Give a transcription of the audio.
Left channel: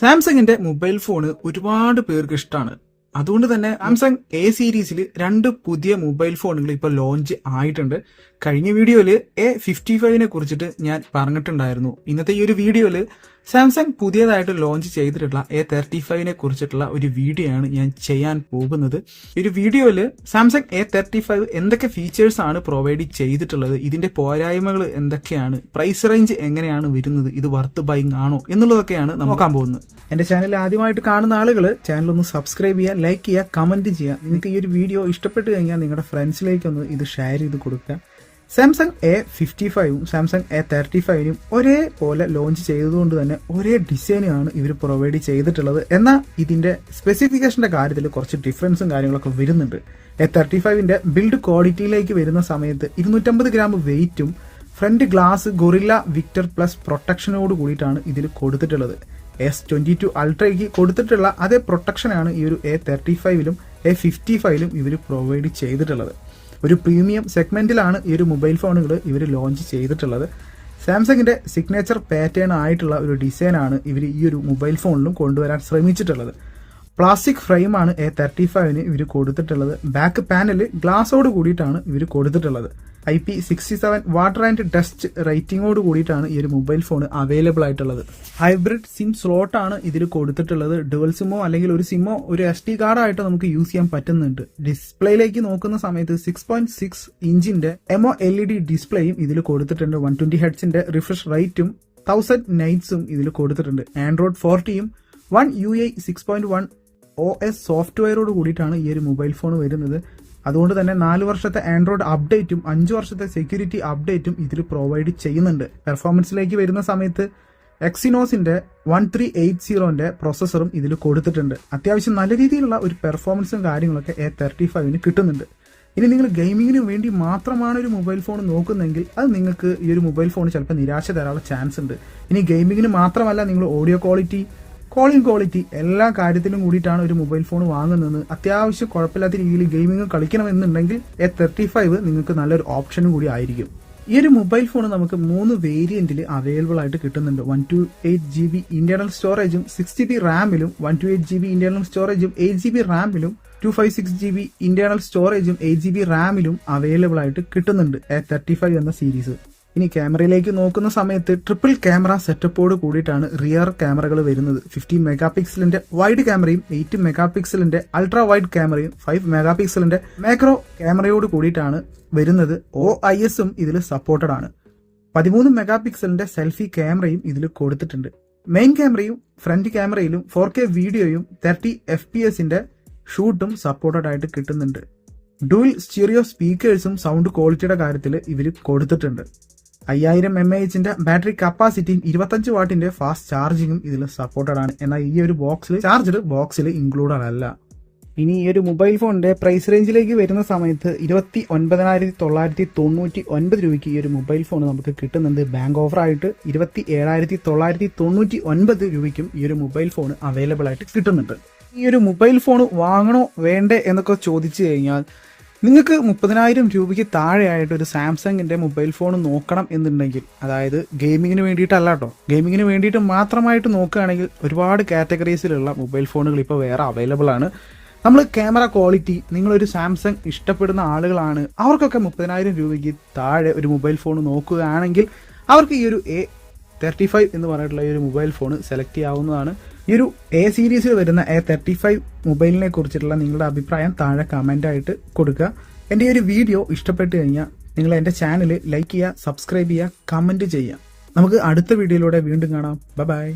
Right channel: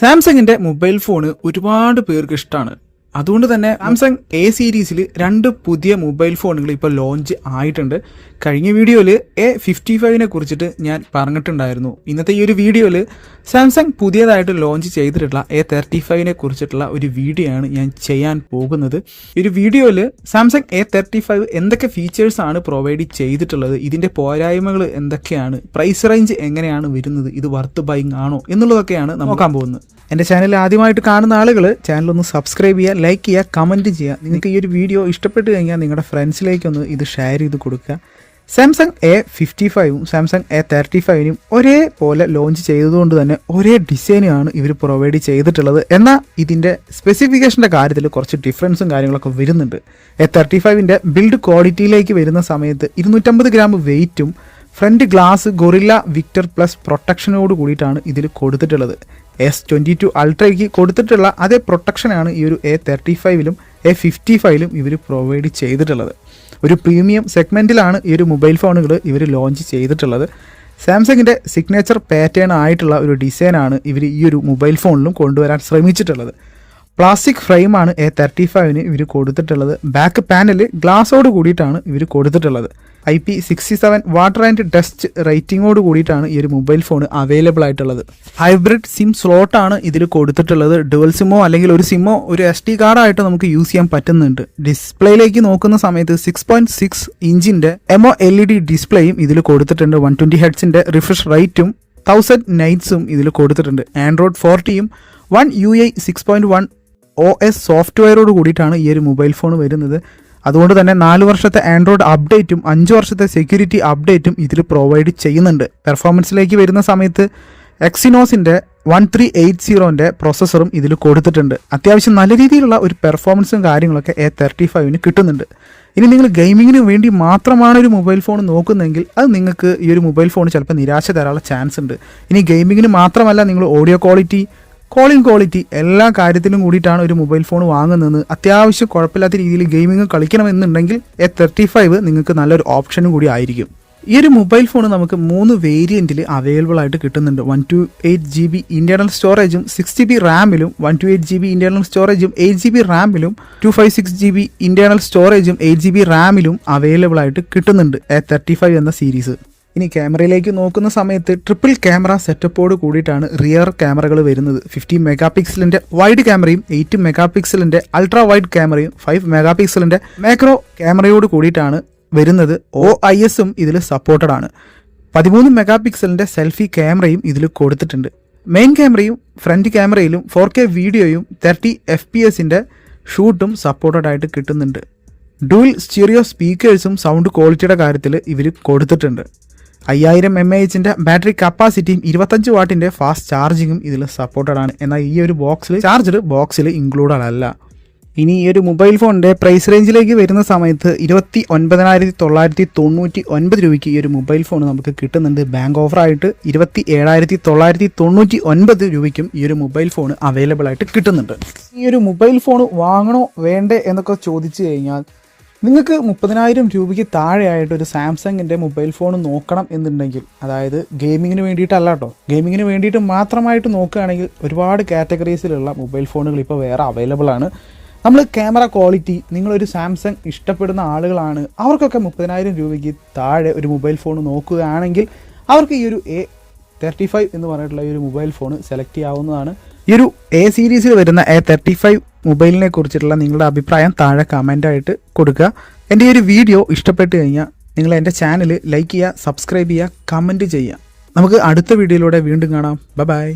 സാംസങ്ങിന്റെ mobile phone ഒരുപാട് പേർക്ക് ഇഷ്ടമാണ്. അതുകൊണ്ട് തന്നെ സാംസങ് എ സീരീസിൽ 2 പുതിയ മൊബൈൽ ഫോണുകൾ ഇപ്പോൾ ലോഞ്ച് ആയിട്ടുണ്ട്. കഴിഞ്ഞ വീഡിയോയിൽ A55 കുറിച്ചിട്ട് ഞാൻ പറഞ്ഞിട്ടുണ്ടായിരുന്നു. ഇന്നത്തെ ഈ ഒരു വീഡിയോയിൽ സാംസങ് പുതിയതായിട്ട് ലോഞ്ച് ചെയ്തിട്ടുള്ള A35 കുറിച്ചിട്ടുള്ള ഒരു വീഡിയോ ആണ് ഞാൻ ചെയ്യാൻ പോകുന്നത്. ഈ ഒരു വീഡിയോയിൽ സാംസങ് A35 എന്തൊക്കെ ഫീച്ചേഴ്സ് ആണ് പ്രൊവൈഡ് ചെയ്തിട്ടുള്ളത്, ഇതിന്റെ പോരായ്മകൾ എന്തൊക്കെയാണ്, പ്രൈസ് റേഞ്ച് എങ്ങനെയാണ് വരുന്നത്, ഇത് വർത്ത് ബൈങ് ആണോ എന്നുള്ളതൊക്കെയാണ് നോക്കാൻ പോകുന്നത്. എൻ്റെ ചാനൽ ആദ്യമായിട്ട് കാണുന്ന ആളുകൾ ചാനലൊന്ന് സബ്സ്ക്രൈബ് ചെയ്യുക, ലൈക്ക് ചെയ്യുക, കമൻറ്റ് ചെയ്യുക. നിങ്ങൾക്ക് ഈ ഒരു വീഡിയോ ഇഷ്ടപ്പെട്ട് കഴിഞ്ഞാൽ നിങ്ങളുടെ ഫ്രണ്ട്സിലേക്കൊന്ന് ഇത് ഷെയർ ചെയ്ത് കൊടുക്കുക. സാംസങ് A55 സാംസങ് A35 ഒരേപോലെ ലോഞ്ച് ചെയ്തതുകൊണ്ട് തന്നെ ഒരേ ഡിസൈനാണ് ഇവർ പ്രൊവൈഡ് ചെയ്തിട്ടുള്ളത്. എന്നാൽ ഇതിൻ്റെ സ്പെസിഫിക്കേഷൻ്റെ കാര്യത്തിൽ കുറച്ച് ഡിഫറൻസും കാര്യങ്ങളൊക്കെ വരുന്നുണ്ട്. A35 ബിൽഡ് ക്വാളിറ്റിയിലേക്ക് വരുന്ന സമയത്ത് 250 ഗ്രാം വെയിറ്റും front glass gorilla victor plus പ്രൊട്ടക്ഷനോട് കൂടിയിട്ടാണ് ഇതിൽ കൊടുത്തിട്ടുള്ളത്. S22 അൾട്രയ്ക്ക് കൊടുത്തിട്ടുള്ള അതേ പ്രൊട്ടക്ഷനാണ് ഈ ഒരു A35 A55 ഇവർ പ്രൊവൈഡ് ചെയ്തിട്ടുള്ളത്. ഒരു പ്രീമിയം സെഗ്മെൻറ്റിലാണ് ഈ ഒരു മൊബൈൽ ഫോണുകൾ ഇവർ ലോഞ്ച് ചെയ്തിട്ടുള്ളത്. സാംസങ്ങിൻ്റെ സിഗ്നേച്ചർ പാറ്റേൺ ആയിട്ടുള്ള ഒരു ഡിസൈനാണ് ഇവർ ഈ ഒരു മൊബൈൽ ഫോണിലും കൊണ്ടുവരാൻ ശ്രമിച്ചിട്ടുള്ളത്. പ്ലാസ്റ്റിക് ഫ്രെയിമാണ് A35 ഇവർ കൊടുത്തിട്ടുള്ളത്. ബാക്ക് പാനൽ ഗ്ലാസോട് കൂടിയിട്ടാണ് ഇവർ കൊടുത്തിട്ടുള്ളത്. IP67 വാട്ടർ ആൻഡ് ഡസ്റ്റ് റേറ്റിംഗോട് കൂടിയിട്ടാണ് ഈ ഒരു മൊബൈൽ ഫോൺ അവൈലബിൾ ആയിട്ടുള്ളത്. ഹൈബ്രിഡ് സിം സ്ലോട്ടാണ് ഇതിൽ കൊടുത്തിട്ടുള്ളത്. ഡുവൽ സിമ്മോ അല്ലെങ്കിൽ ഒരു സിമ്മോ ഒരു SD കാർഡായിട്ട് നമുക്ക് യൂസ് ചെയ്യാൻ പറ്റുന്നുണ്ട്. ഡിസ്പ്ലേയിലേക്ക് നോക്കുന്ന സമയത്ത് 6.6 ഇഞ്ചിൻ്റെ MOLED ഡിസ്പ്ലേയും ഇതിൽ കൊടുത്തിട്ടുണ്ട്. 120 ഹെർട്സിൻ്റെ റിഫ്രഷ് റേറ്റും 1000 നൈറ്റ്സും ഇതിൽ കൊടുത്തിട്ടുണ്ട്. ആൻഡ്രോയിഡ് 40യും 1 UI 6.1 OS സോഫ്റ്റ്വെയറോട് കൂടിയിട്ടാണ് ഈ ഒരു മൊബൈൽ ഫോൺ വരുന്നത്. അതുകൊണ്ട് തന്നെ 4 വർഷത്തെ ആൻഡ്രോയിഡ് അപ്ഡേറ്റും 5 വർഷത്തെ സെക്യൂരിറ്റി അപ്ഡേറ്റും ഇതിൽ പ്രൊവൈഡ് ചെയ്യുന്നുണ്ട്. പെർഫോമൻസിലേക്ക് വരുന്ന സമയത്ത് എക്സിനോസിൻ്റെ 1380 പ്രോസസ്സറും ഇതിൽ കൊടുത്തിട്ടുണ്ട്. അത്യാവശ്യം നല്ല രീതിയിലുള്ള ഒരു പെർഫോമൻസും കാര്യങ്ങളൊക്കെ A35 കിട്ടുന്നുണ്ട്. ഇനി നിങ്ങൾ ഗെയിമിങ്ങിന് വേണ്ടി മാത്രമാണ് ഒരു മൊബൈൽ ഫോൺ നോക്കുന്നതെങ്കിൽ അത് നിങ്ങൾക്ക് ഈ ഒരു മൊബൈൽ ഫോൺ ചിലപ്പോൾ നിരാശ തരാനുള്ള ചാൻസ് ഉണ്ട്. ഇനി ഗെയിമിങ്ങിന് മാത്രമല്ല, നിങ്ങൾ ഓഡിയോ ക്വാളിറ്റി, കോളിംഗ് ക്വാളിറ്റി എല്ലാ കാര്യത്തിലും കൂടിയിട്ടാണ് ഒരു മൊബൈൽ ഫോൺ വാങ്ങുന്നത്. അത്യാവശ്യം കുഴപ്പമില്ലാത്ത രീതിയിൽ ഗെയിമിംഗ് കളിക്കണമെന്നുണ്ടെങ്കിൽ A35 നിങ്ങൾക്ക് നല്ലൊരു ഓപ്ഷനും കൂടി ആയിരിക്കും. ഈ ഒരു മൊബൈൽ ഫോൺ നമുക്ക് 3 വേരിയൻറ്റിൽ അവൈലബിൾ ആയിട്ട് കിട്ടുന്നുണ്ട്. 128GB ഇന്റേണൽ സ്റ്റോറേജും 6GB റാമിലും, 128GB ഇന്റേണൽ സ്റ്റോറേജും 8GB റാമിലും, 256GB ഇന്റേണൽ സ്റ്റോറേജും 8GB റാമിലും അവൈലബിൾ ആയിട്ട് കിട്ടുന്നുണ്ട് A35 എന്ന സീരീസ്. ഇനി ക്യാമറയിലേക്ക് നോക്കുന്ന സമയത്ത് ട്രിപ്പിൾ ക്യാമറ സെറ്റപ്പോട് കൂടിയിട്ടാണ് റിയർ ക്യാമറകൾ വരുന്നത്. 50 മെഗാ പിക്സലിൻ്റെ വൈഡ് ക്യാമറയും 8 മെഗാ പിക്സലിൻ്റെ അൾട്രാ വൈഡ് ക്യാമറയും 5 മെഗാ പിക്സലിൻ്റെ മാക്രോ ക്യാമറയോട് കൂടിയിട്ടാണ് വരുന്നത്. OISഉം ഇതിൽ സപ്പോർട്ടഡ് ആണ്. 13 മെഗാ പിക്സലിൻ്റെ സെൽഫി ക്യാമറയും ഇതിൽ കൊടുത്തിട്ടുണ്ട്. മെയിൻ ക്യാമറയും ഫ്രണ്ട് ക്യാമറയിലും 4K വീഡിയോയും 30 FPS ഷൂട്ടും സപ്പോർട്ടഡ് ആയിട്ട് കിട്ടുന്നുണ്ട്. ഡുവൽ സ്റ്റീരിയോ സ്പീക്കേഴ്സും സൗണ്ട് ക്വാളിറ്റിയുടെ കാര്യത്തിൽ ഇവർ കൊടുത്തിട്ടുണ്ട്. 5000 mAh ബാറ്ററി കപ്പാസിറ്റിയും 25 വാട്ടിൻ്റെ ഫാസ്റ്റ് ചാർജിങ്ങും ഇതിൽ സപ്പോർട്ടഡ് ആണ്. എന്നാൽ ഈ ഒരു ചാർജർ ബോക്സിൽ ഇൻക്ലൂഡഡ് അല്ല. ഇനി ഈ ഒരു മൊബൈൽ ഫോണിൻ്റെ പ്രൈസ് റേഞ്ചിലേക്ക് വരുന്ന സമയത്ത് 29,999 രൂപയ്ക്ക് ഈ ഒരു മൊബൈൽ ഫോൺ നമുക്ക് കിട്ടുന്നുണ്ട്. ബാങ്ക് ഓഫറായിട്ട് 27,999 രൂപയ്ക്കും ഈ ഒരു മൊബൈൽ ഫോൺ അവൈലബിൾ ആയിട്ട് കിട്ടുന്നുണ്ട്. ഈ ഒരു മൊബൈൽ ഫോൺ വാങ്ങണോ വേണ്ടേ എന്നൊക്കെ ചോദിച്ചു കഴിഞ്ഞാൽ, നിങ്ങൾക്ക് 30,000 രൂപയ്ക്ക് താഴെയായിട്ട് ഒരു സാംസങ്ങിൻ്റെ മൊബൈൽ ഫോൺ നോക്കണം എന്നുണ്ടെങ്കിൽ, അതായത് ഗെയിമിങ്ങിന് വേണ്ടിയിട്ടല്ല കേട്ടോ, ഗെയിമിങ്ങിന് വേണ്ടിയിട്ട് മാത്രമായിട്ട് നോക്കുകയാണെങ്കിൽ ഒരുപാട് കാറ്റഗറീസിലുള്ള മൊബൈൽ ഫോണുകൾ ഇപ്പോൾ വേറെ അവൈലബിൾ ആണ്. നമ്മൾ ക്യാമറ ക്വാളിറ്റി, നിങ്ങളൊരു സാംസങ് ഇഷ്ടപ്പെടുന്ന ആളുകളാണ്, അവർക്കൊക്കെ 30,000 രൂപയ്ക്ക് താഴെ ഒരു മൊബൈൽ ഫോൺ നോക്കുകയാണെങ്കിൽ അവർക്ക് ഈ ഒരു A35 എന്ന് പറഞ്ഞിട്ടുള്ള ഈ ഒരു മൊബൈൽ ഫോൺ സെലക്ട് ചെയ്യാവുന്നതാണ്. ഈ ഒരു A സീരീസിൽ വരുന്ന A35 മൊബൈലിനെ കുറിച്ചിട്ടുള്ള നിങ്ങളുടെ അഭിപ്രായം താഴെ കമൻ്റായിട്ട് കൊടുക്കുക. എൻ്റെ ഈ ഒരു വീഡിയോ ഇഷ്ടപ്പെട്ട് കഴിഞ്ഞാൽ നിങ്ങൾ എൻ്റെ ചാനൽ ലൈക്ക് ചെയ്യുക, സബ്സ്ക്രൈബ് ചെയ്യുക, കമൻറ്റ് ചെയ്യുക. നമുക്ക് അടുത്ത വീഡിയോയിലൂടെ വീണ്ടും കാണാം. ബൈ.